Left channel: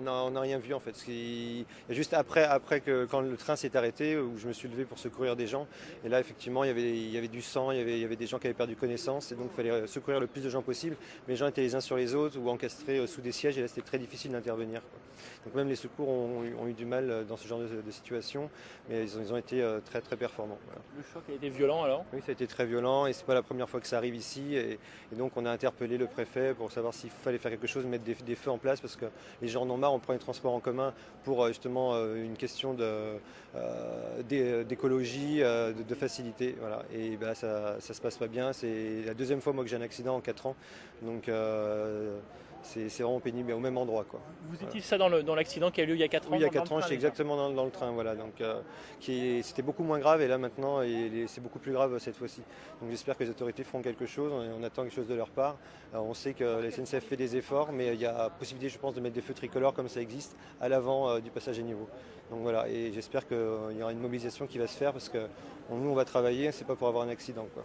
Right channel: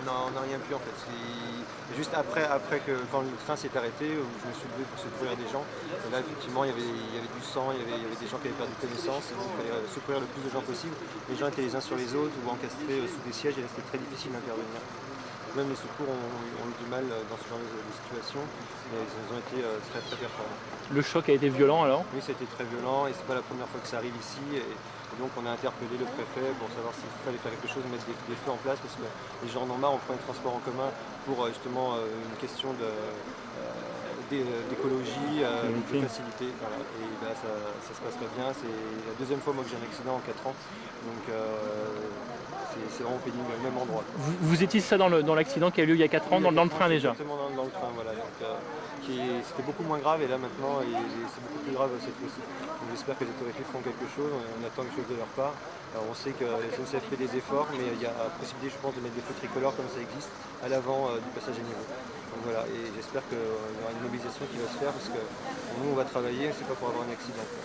on n'a rien vu en fait. Juste après quand le train s'est arrêté, où je me suis levé pour secourir des gens. Et là, effectivement, il y avait du sang, il y avait des gens qui avaient perdu connaissance. Et donc, il fallait secourir le plus de gens possible. Les gens étaient les uns sur les autres ou encastrés sous des sièges et là, c'était très difficile d'intervenir. Donc, même les secours ont eu du mal dans ce genre de situation, mais ils ont été très très performants. Le choc a été violent alors? Oui, ça a été très violent et c'est pas la première fois que ça arrive ici. Et donc on a interpellé le préfet pour savoir s'il fallait faire quelque chose, mettre des feux en place parce que les gens en ont marre, on prend les transports en commun pour justement une question d'écologie, de facilité. Voilà. Et ben, ça se passe pas bien. C'est la deuxième fois moi, que j'ai un accident en 4 ans. Donc c'est vraiment pénible au même endroit. Vous étiez ça dans l'accident qui a eu lieu il y a 4 ans, Oui, il y a dans le 4 ans, train déjà? exactement dans le train, voilà. Donc, c'était beaucoup moins grave et là maintenant c'est beaucoup plus grave cette fois-ci. Donc j'espère que les autorités feront quelque chose, on attend quelque chose de leur part. Alors, on sait que la SNCF fait des efforts, mais il y a possibilité, je pense, de mettre des feux tricolores comme ça existe à l'avant du passage à niveau. Donc voilà, et j'espère qu'il y aura une mobilisation qui va se faire parce que nous on va travailler, c'est pas pour avoir un accident, quoi.